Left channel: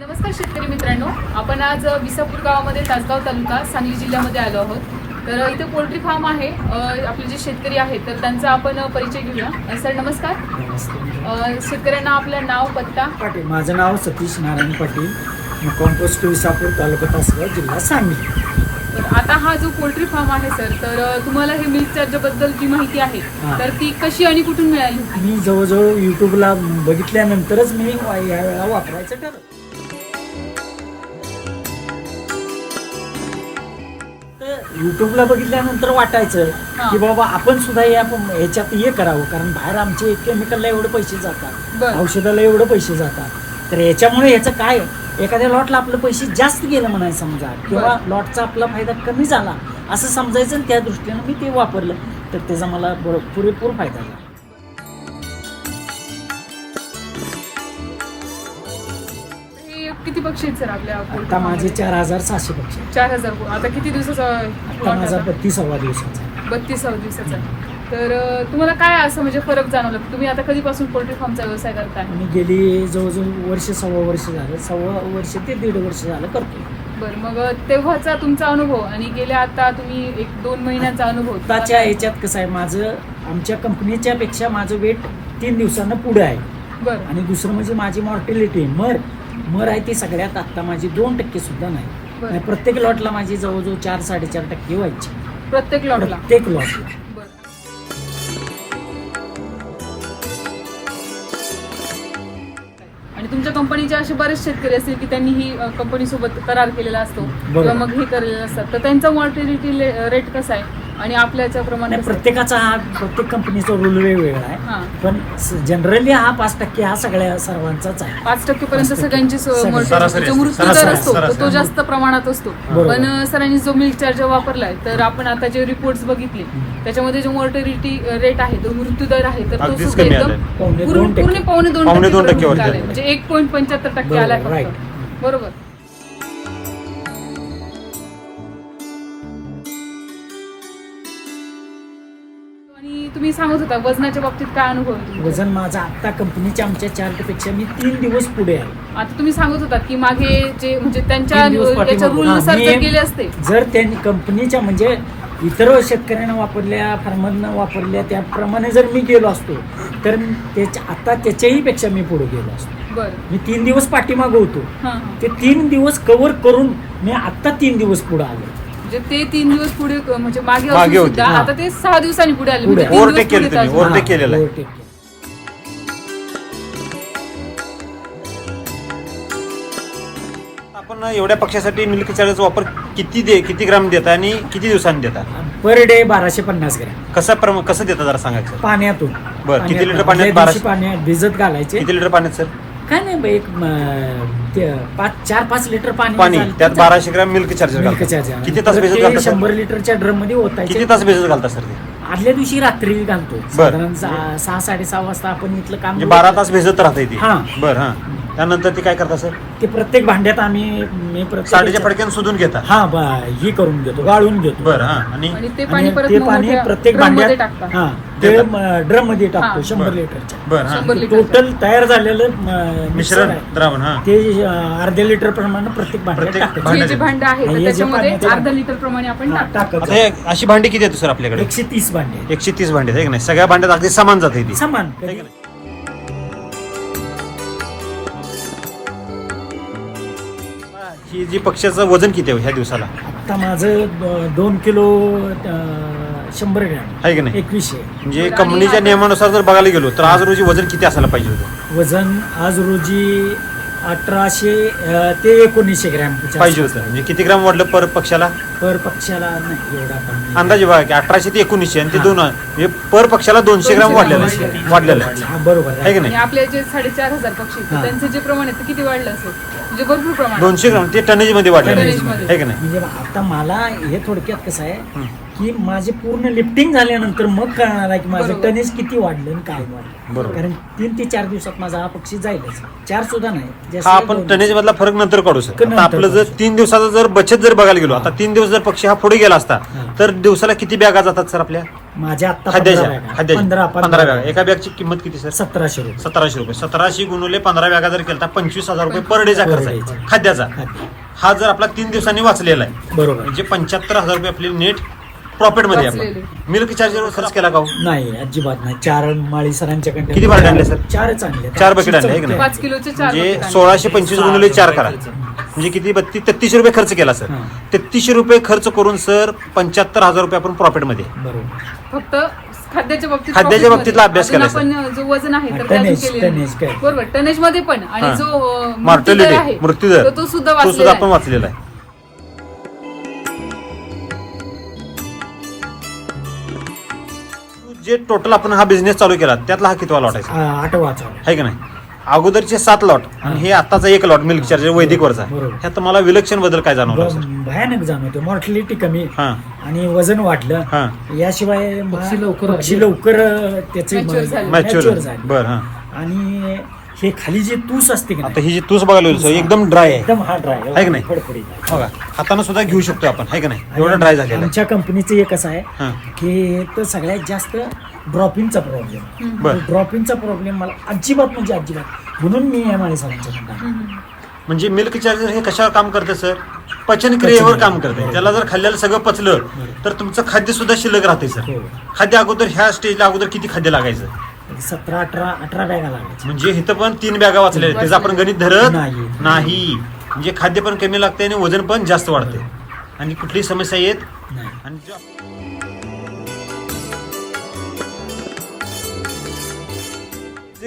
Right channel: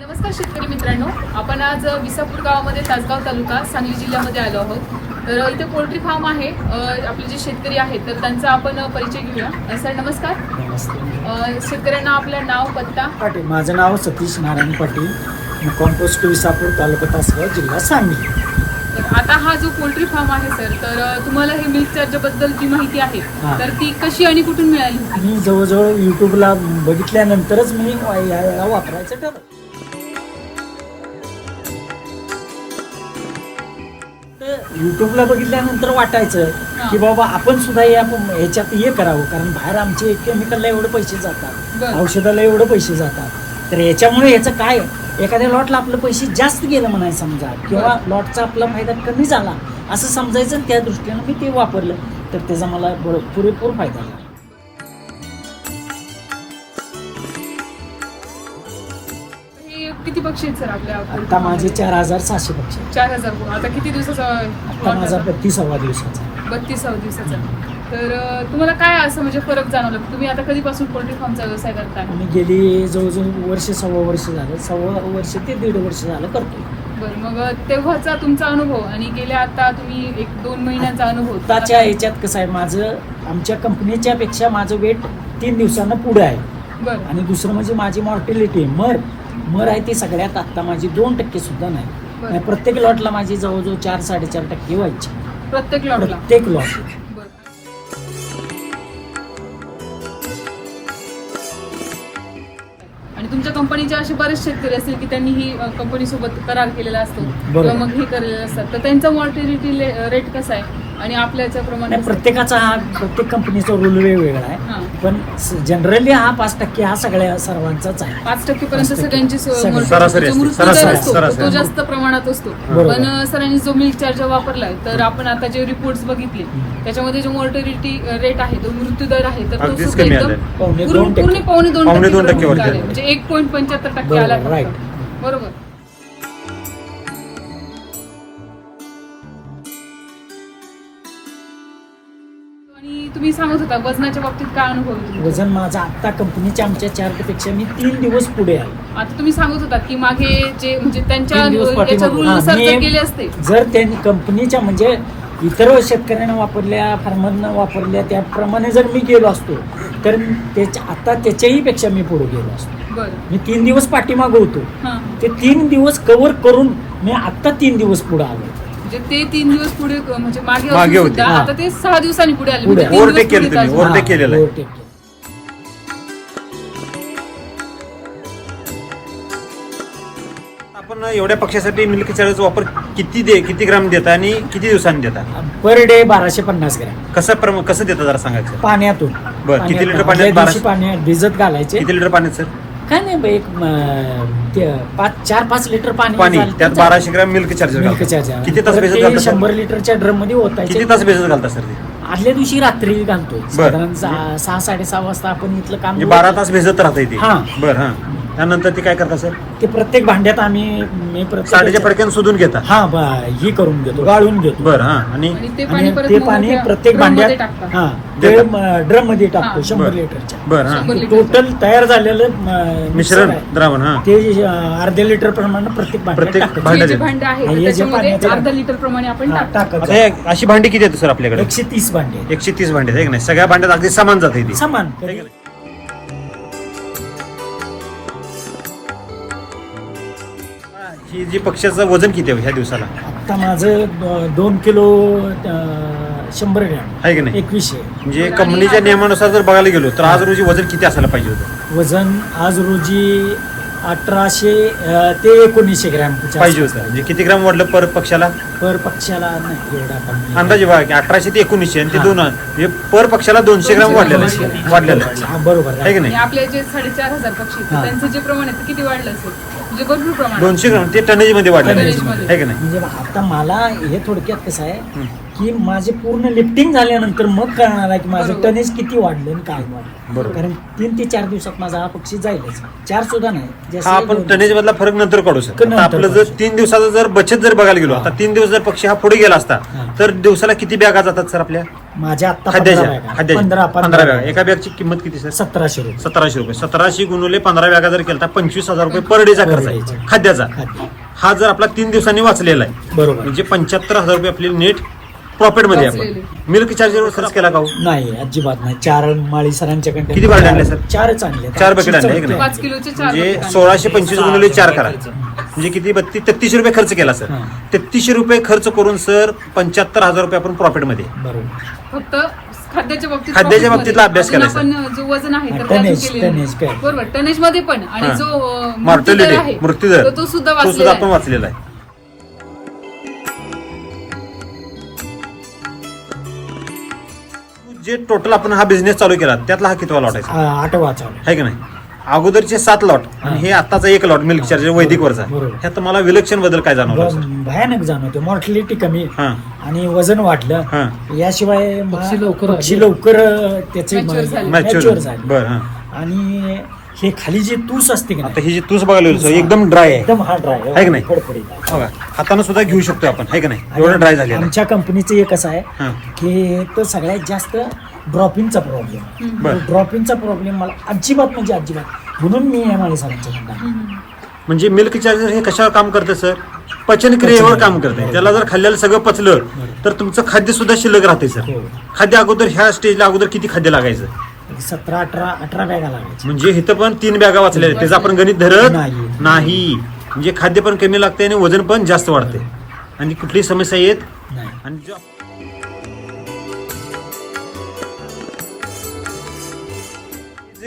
नमस्कार शेतकरी मित्रांनो. आपण आज विसापूर गावामध्ये तासगाव तालुका सांगली जिल्ह्यामध्ये आलो आहोत. तर इथे पोल्ट्री फार्म आहे. आपले जे शेतकरी आहेत तर त्यांचा आपण परिचय घेऊया. सर नमस्कार. नमस्ते. शेतकऱ्यांना आपलं नाव पत्ता. पाटील. माझं नाव सतीश नारायण पाटील. मुक्काम पोस्ट विसापूर तालुका तासगाव जिल्हा सांगली. तर आता हा जो पोल्ट्री फार्म आहे सर तर तुम्हाला हे मिल्क चार्जबद्दल जी माहिती आहे. तर ती कशी आणि कुठून मिळाली? मी जवळजवळ यूट्यूबला बघितल्यानंतरच मी या वेळेला वापरायचं ठरवलं. यूट्यूबला बघितल्यानंतर वाटायचं हा. की बाबा आपण सुद्धा या ह्याच्यात हे करावं. कारण बाहेर आमचे केमिकलला एवढे पैसे जातात. बरं. औषधाला एवढे पैसे जातात. तर याच्यामुळे याचं काय? एखाद्या लॉटला आपलं पैसे जास्त गेलं म्हणायचं समजा. किंवा लॉटचा आपला फायदा कमी झाला असं समजायचं आणि त्या दृष्टीनं मी ते वापरलं. तर त्याचा मला बरो- पुरेपूर फायदा झाला. किती पक्षी आहेत सर आपल्या आता माझे? चार हजार सहाशे पक्षी चार हजार आता किती दिवसाचा आता माझा बत्तीसावा दिवसाचा. बत्तीसावा दिवसाचा. तर अ, तुम्हाला काय असं म्हणजे फरक जाणवला? तुम्ही आता कधीपासून पोल्ट्री फार्मचा व्यवसाय करताय? मी गेली जवळजवळ वर्ष सव्वा वर्ष झालं. सव्वा वर्ष ते दीड वर्ष झालं करतो बरं मग तेव्हाचा तुमचा अनुभव आणि गेल्या आता तुम्ही एक दोन महिन्यांचा अनुभव. आताच्या याच्यात कसं आहे माझं आमच्या कंपनीच्या पेक्षा माझं वेट तीन दिवसानं पुढे आहे. बरं. आणि दुसरं म्हणजे माझी मॉर्टिलिटी मर मर आहे ती सगळ्यात आत्ता माझी दोन टक्के सुद्धा नाही. आणि प्रत्येक लॉटला माझी जवळजवळ चार साडेचार टक्के व्हायची. प्रत्येक लॉटला? प्रत्येक लॉट. आणि तुमच्या कंपनीचे असे बरेच शेतकरी असतील की त्यांनी ही कंपनी सोबत करार केलेला असतो. किंवा मग हे केलेले असतात. तर त्यांचा मॉर्टिलिटी रेट कसा आहे? आणि आपल्या याच्याप्रमाणे नाही? प्रत्येकाचा हा प्रत्येक कंपनीचा रूल वेगवेगळा आहे हां. पण जनरली हा पाच टक्के हा सगळ्या सर्वांचाच आहे पाच टक्के. सगळ्यांची सो- सगळी. mortality- सरासरी जो असते. मृत्यू दर सरासरी, असतो सरासरी. तो जास्त प्रमाणात असतो बरोबर. पण सरांनी जो मिल्क चार्जर वापरलाय तर आपण आता जे रिपोर्ट्स बघितले हम्म. त्याच्यामध्ये जो मॉर्टॅलिटी रेट आहे तो मृत्यू दर आहे तर तो अगदीच सुद्धा कमी एकदम आलेला. पावणे पूर्ण दोन टक्के पावणे दोन पावणे दोन टक्के आलाय. म्हणजे एक पॉईंट पंच्याहत्तर टक्के बरोबर, आला right. बरोबर तुम्ही सांगत होता वजनाच्या बाबतीत काय अनुभव आहे तुमचा? वजन माझा आता कंपनीच्या आमच्या चार्टपेक्षा मी तीन दिवस पुढे आहे आता तुम्ही सांगत होता की मागे जे म्हणजे त्यांच्या तीन दिवस पाठीमागं. हां, मी- केले असते जर त्यांनी कंपनीच्या म्हणजे इतर शेतकऱ्यांना वापरल्या फार्मरनं वापरल्या त्याप्रमाणे जर मी गेलो असतो तर त्याच्या आता त्याच्याही पेक्षा मी पुढे गेलो असतो बरं मी तीन दिवस पाठीमागं होतो हां हां. ते तीन दिवस कव्हर करून मी आता तीन दिवस पुढे आलो म्हणजे ते तीन दिवस पुढे म्हणजे मागे मागे असून होते. सुद्धा हा. आता ते सहा दिवसांनी पुढे आले पुढे. म्हणजे तीन दिवस केलं पुढे तुम्ही, हा, केलेलं आहे. overtake केलं. आपण एवढ्या पक्षासाठी मिल्क चार्जरचा वापर किती दे किती ग्राम देता आणि किती दिवसांनी देता पर डे बाराशे पन्नास ग्रॅम कसं प्रम- कसं देता जरा सांगायचं पाण्यातून बरं, किती लिटर पाण्यात- पाण्यात आदल्या दिवशी बाराशे? पाण्यात भिजत घालायचे किती लिटर पाण्यात सर काय नाही बा, एक म, ते पाच चार पाच लिटर पाणी पाणी त्यात बाराशे ग्राम मिल्क चार्जर मिल्क घालता. चार्जर किती तास परत भिजत ते घालता? सर? शंभर लिटरच्या ड्रममध्ये ओतायचे. किती तास भिजत घालता सर आदल्या दिवशी रात्री घालतो साधारण सहा सहा साडेसहा वाजता आपण इथलं काम म्हणजे बारा तास भिजत राहता हा. बरं हा. त्यानंतर ते काय करता सर ते प्रत्येक भांड्यात आम्ही मी प्रत्येक साडेच्या पडक्यानं शोधून घेता हा बा ही करून घेतो गाळून घेतो बरं हा आणि आणि ते पाणी आणि परत ते मग पाणी मोठ्या प्रत्येक भांड्यात टाकतात. हा ते देतात. ड्रममध्ये टाकतो हा. शंभर बरं. लिटरच्या बरं हा शंभर लिटर. टोटल तयार झालेलं म, मिश्रण आहे. द्रावण हा ते अं, अर्ध्या लिटर प्रमाणे प्रत्येक भांड्यात प्रत्येक टाकतो. भांड्यात हे जे येतं. भांड आहे हे जे त्याच्यामध्ये पाण्याचं अर्धा भांड. लिटर प्रमाणे आपण हा, टाकतो टाकायचं. आता हे अशी भांडी किती येतो सर आपल्याकडे एकशे तीस भांडे एकशे तीस भांडे आहे की नाही सगळ्या भांड्यात अगदी समान जाते ती समान कधी ही जी पक्षाचं वजन किती आहे ह्या दिवसाला? आता माझं दोन किलो अं, शंभर ग्रॅम. आहे की नाही? एकवीसशे. म्हणजे कंपनीच्या नियमानुसार जर बघायला गेलो तर आज रोजी वजन किती असायला पाहिजे होतं? वजन आज रोजी अठराशे ते एकोणीसशे ग्रॅम पाहिजे होतं म्हणजे किती ग्राम वाढलं पर पक्षाला पर पक्षाला नाही एवढा आपण अंदाजे बघा की अठराशे ते एकोणीसशे आणि ते हा. दोन म्हणजे पर पक्षाला दोनशे ग्राम वाढलेलं आहे. वाढलेलं आहे. हा, बरोबर आहे की. आणि नाही आपले जे साडेचार हजार पक्षी आहेत, हा. त्यांचं जे प्रमाण आहे ते किती वाढलं असेल म्हणजे भरपूर प्रमाण दोनशे ग्राम ते टनेजमध्ये वाढलेलं आहे की नाही म्हणजे आता मला हे थोडक्यात कसं आहे. की माझे पूर्ण लिफ्टिंग झाल्यानंतर मग कळणार आहे की माझं. टनेज किती वाढलं आणि काय वाढलं बरोबर. कारण तीन ते चार दिवसात माझा हा पक्षी जाईलच चार सुद्धा नाही जास्तीत जास्त आपण दोन टनेज मधला फरक नंतर काढू नंतर आता आपलं काढू. जर तीन दिवसाचा जर बचत जर बघायला गेलो. आता तीन दिवस जर पक्षी हा पुढे गेला असता हा. तर दिवसाला किती बॅगा जातात सर आपल्या माझ्या आता पंधरा खाद्याच्या बॅगा खाद्याच्या. पंधरा पंधरा बॅगा बॅगा. एका बॅगची किंमत किती सर सतराशे रुपये सतराशे रुपये सतराशे गुणवले पंधरा बॅगा जर केला तर पंचवीस हजार रुपये पर डेचा Per खर्च आहे day चा. खाद्याचा खाद्य. हा जर आपला तीन दिवसांनी वाचलेला आहे बरोबर म्हणजे पंच्याहत्तर हजार रुपये आपले नेट प्रॉफिटमध्ये आहे वाचलेले. आपण मिल्क चार्जर खर्च केला का हो? नाही अजिबात नाही चार माळी सरांच्याकडे किती बाळगं आणले, सर? चारच आणले चार बकेट आणले, आहे का नाही? पाच किलोचे चार म्हणजे. सोळाशे पंचवीस गुणवले चार करा म्हणजे किती बत्तीस तेहतीसशे रुपये खर्च केला सर हा. तेहतीसशे रुपये खर्च करून सर पंच्याहत्तर हजार रुपये आपण प्रॉफिटमध्ये बरोबर फक्त खाद्याच्या बाबतीत खाद्याच्या बाबतीतला. अभ्यास अजून करायचा. आपण जो वजन आहे हा, तर ते अजून टनेज, केलेलं नाही. टनेज काय? बरोबर टनेजमध्ये पण आणि हा. जो अं, मृत्यूदर मॉर्टॅलिटी आहे मृत्यूदर तो- तो सुद्धा तो सुद्धा वाचलेला आपण आहे वाचलेला आहे जे टोटल आपण हा बिझनेस चालू केला त्यातला हा कितवा लॉट आहे? आठवा चालू. आहे की नाही? अगोदरचे सात लॉट हा. आणि हे. आताचा एक लॉट मिल्क चार्जर वैदिक वरचा. बरोबर. ह्यात तुम्हाला विलक्षण बदल काय जाणवला? ब- भयानक जाणवते मॉर्टॅलिटी कमी हा. आणि वजन वाढलं. हा. याशिवाय पक्षी लवकर पक्षी लवकर त्याचे Mature झाले. मॅच्युअर मॅच्युअर झाले. बर हा. आणि हे खाली जे तूस असते की आता नाही ही जी तूस बघायला सर एकदम ड्राय आहे. एकदम हार्ड आहे की आहे नाही? फडफडीत आहे. बघा हातानं सुद्धा घेऊ शकतो आपण आहे का नाही? एवढं ड्राय झालेलं आहे. आमच्या कंपनीचं एक असं आहे हा. की तो सगळ्यात जास्त ड्रॉपिंगचा प्रॉब्लेम. बर. ड्रॉपिंगचा प्रॉब्लेम मला अजिबात म्हणजे अजिबात. म्हणून मी एम आय. हम्म. म्हणजे मिल्क चार्जर हे कशावर काम करतं सर? पचन क्रियेवर काम करते. त्याला जर खाल्ल्याला सगळं पचलं तर तुमचं खाद्य सुद्धा शिल्लक राहते सर. हो. खाद्य अगोदर ह्या स्टेजला अगोदर किती खाद्य लागायचं? सतरा अठरा अठरा बॅगा लागायची म्हणजे इथं पण तीन बॅगा वाचल्या. त्याचं आपण गणित धरत नाही. नाही म्हणजे खाद्य पण कमी लागते आणि वजन पण जास्त वाढते आणि कुठलीही समस्या येत नाही आणि जो-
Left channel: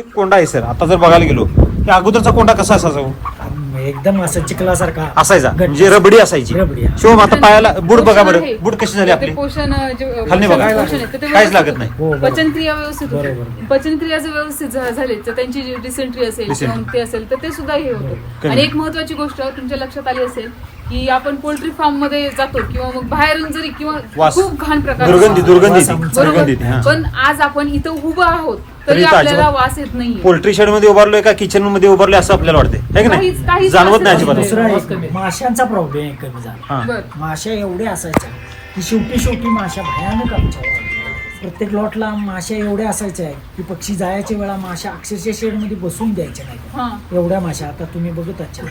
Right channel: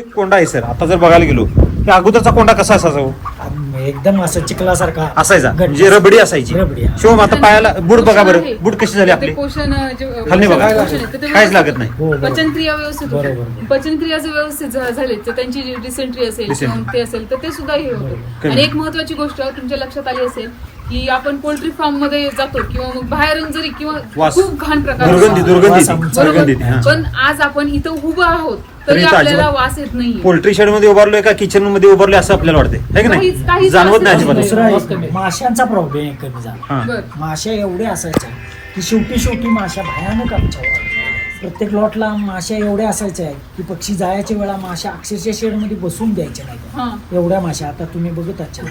जे कोंडा आहे सर आता जर बघायला गेलो तर अगोदरचा कोंडा कसा असायचा हो? एकदम असं चिखलासारखा असायचा. म्हणजे रबडी असायची रबडी, हा. शिवम आता पायाला बुड बघा बरं. बुड कशी झाली आपली पोषण अं, जे- खाल्ली बघा. पोषण- काय पोषण आहे, तर ते काहीच लागत नाही हो बरोबर. पचनक्रिया व्यवस्थित होते. बरोबर. पचनक्रिया जर व्यवस्थित झा- झाली तर त्यांची जी डिसेंट्री असेल Dysentery. किंवा ते असेल तर ते सुद्धा हे. होतं आणि एक महत्वाची गोष्ट तुमच्या लक्षात आली असेल की आपण पोल्ट्री फार्ममध्ये जातो किंवा मग बाहेरून जरी किंवा वास. खूप घाण प्रकार दुर्गंधी असतो. दुर्गंधी वास आमचा बरोबर दुर्गंधी हा. पण आज आपण इथं उभं आहोत तरी तरी इथं आपल्याला अजिबात- वास येत नाहीये पोल्ट्री शेडमध्ये उभारलोय का किचनमध्ये उभारलोय असं आपल्याला वाटतंय है की काहीच- नाही काहीच जाणवत नाही वास अजिबात. नाही. दुसरा वास एक कमी आहे. माशांचा प्रॉब्लेम कमी झाला हा. बर माश्या एवढ्या असायच्या की शेवटी शेवटी माश्या भयानक आमच्या वाढल्या. प्रत्येक लॉटला माश्या एवढ्या असायच्या की पक्षी जायच्या वेळा माश्या अक्षरशः शेडमध्ये बसून द्यायच्या नाही हा. एवढ्या माश्या आता तुम्ही बघत आहात.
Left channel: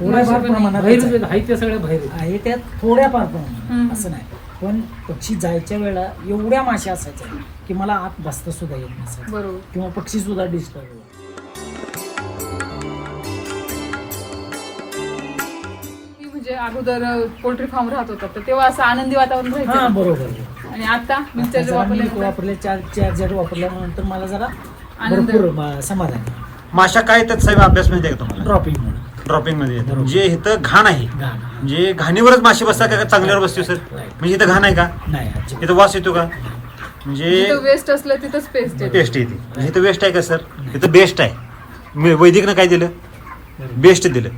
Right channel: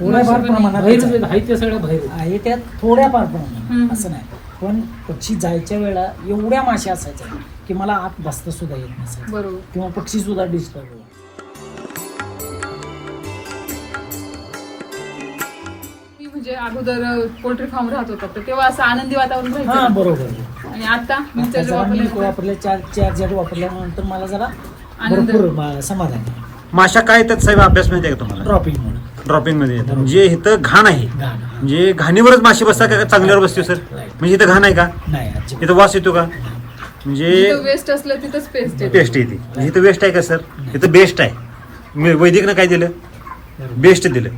थोड्याफार प्रमाणात आहेत आहेत. आहे त्यात थोड्याफार प्रमाणात. असं नाही. पण पक्षी जायच्या वेळा एवढ्या माश्या असायच्या की मला आत बसता सुद्धा येत नसायचं. बरोबर. किंवा पक्षी सुद्धा डिस्टर्ब म्हणजे अगोदर पोल्ट्री फार्म राहत होता. तर तेव्हा असं आनंदी वातावरण हा राहायचं बरोबर आणि आता आता मिक्सर जरा मिल्क वापरल्यामुळे वापरले चार चार्जर वापरल्यानंतर मला जरा आनंद भरपूर म- समाधान आहे. माशा काय येतात साहेब? अभ्यास माहिती आहे का तुम्हाला? ड्रॉपिंग म्हणून. ड्रॉपिंगमध्ये. म्हणजे इथं घाण आहे. घाण म्हणजे घाणीवरच माशी बसतात का? चांगल्यावर बसते सर. म्हणजे इथं घाण आहे का? नाही अजिबात. इथं वास येतो का? म्हणजे जिथं वेस्ट असलं तिथंच पेस्ट येते. पेस्ट येते. म्हणजे इथं वेस्ट आहे का सर? इथं बेस्ट आहे. मी वैदिकनं काय दिलं? बरोबर. बेस्ट दिलं.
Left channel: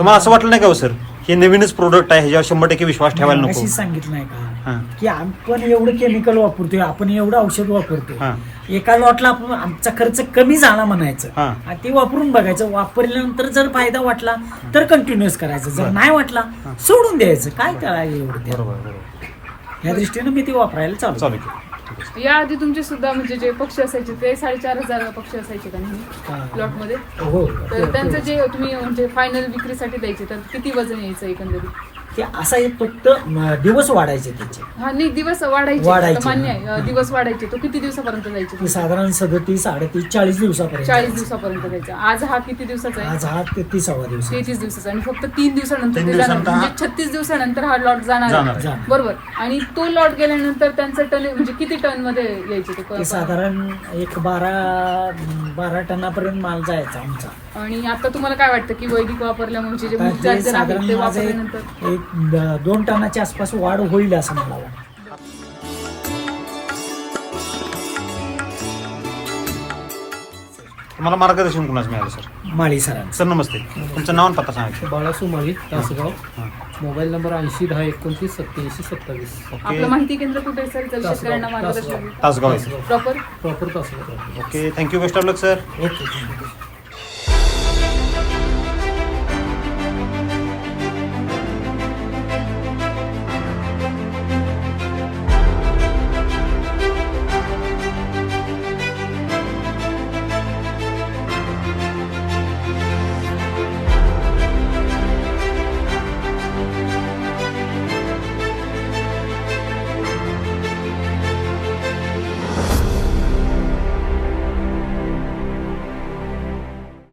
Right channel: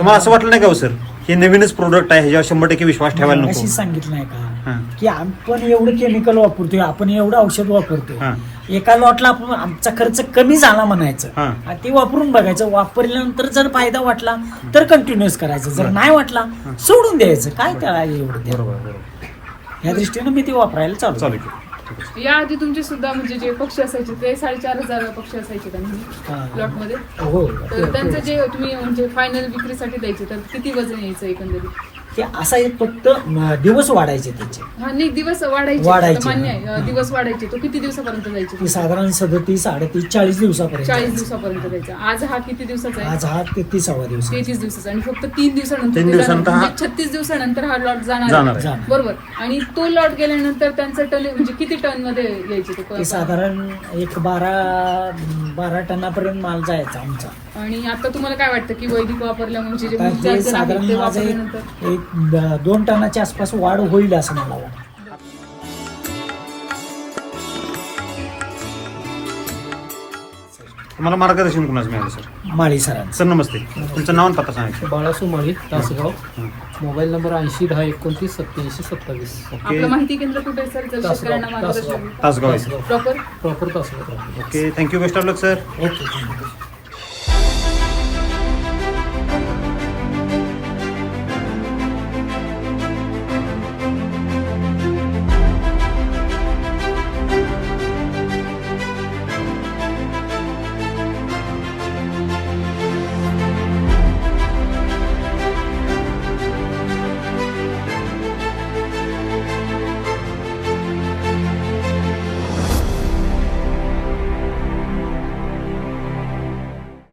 तुम्हाला असं वाटलं नाही का हो सर हे नवीनच प्रोडक्ट आहे ह्याच्यावर शंभर टक्के विश्वास ठेवायला अशी नको. सांगितलं नाही का? हा. की आपण एवढं केमिकल वापरतोय आपण एवढं औषध वापरतोय. हा. एका लॉटला आपण आमचा खर्च कमी झाला म्हणायचं. हा. आणि ते वापरून बघायचं वापरल्यानंतर जर फायदा वाटला तर कंटिन्युअस करायचं. जर नाही वाटला सोडून द्यायचं. काय त्याला एवढं त्या बरोबर बरोबर. या दृष्टीनं मी ते वापरायला चालू चालू केलं. याआधी तुमचे सुद्धा म्हणजे जे पक्षी असायचे ते साडेचार हजार पक्षी असायचे का नाही हा. प्लॉटमध्ये हो तर त्यांचं जे तुम्ही म्हणजे फायनल विक्रीसाठी द्यायचे तर किती वजन यायचं एकंदरीत ते असा एक फक्त दिवस वाढायचे त्याचे हा नाही दिवस वाढायचे आहे हा. दिवस वाढायचे तो किती दिवसापर्यंत जायचे ते साधारण सदतीस अडतीस चाळीस दिवसापर्यंत चाळीस. दिवसापर्यंत जायचा आज हा किती दिवसाचा आहे आज हा तेहतीसावा दिवस आहे. तेहतीस दिवसाचा आणि फक्त तीन दिवसानंतर तीन ते जाणार. दिवसानंतर हा- म्हणजे छत्तीस दिवसानंतर हा लॉट जाणार जाणार आहे. आहे. जाणार. बरोबर आणि तो लॉट गेल्यानंतर त्यांचं टन म्हणजे किती टनमध्ये यायचे तो ते साधारण एक बारा बारा टनापर्यंत माल जायचा आमचा आणि आता तुम्हाला काय वाटतं की वैदिक वापरल्यामुळे जे आता milk ते charger आहे, साधारण ते माझं वापरल्यानंतर एक द- दोन टनाच्या आसपास वाढ होईल असं मला वाटतं. तुम्हाला मार्गदर्शन कुणाच मिळालं सर? माळी सरांचं. सर नमस्ते. तुमचं नाव आणि पत्ता सांगा. बाळासू माळी तासगाव. हं. मोबाईल नंबर ऐंशी दहा एकोणतीस सत्याऐंशी सत्तावीस. आपलं माहिती केंद्र कुठे असेल तर तासगाव. शेतकऱ्यांना मार्गदर्शन Tasgaon. Tasgaon. Proper proper Tasgaon. Okay thank you best of luck sir. Okay thank you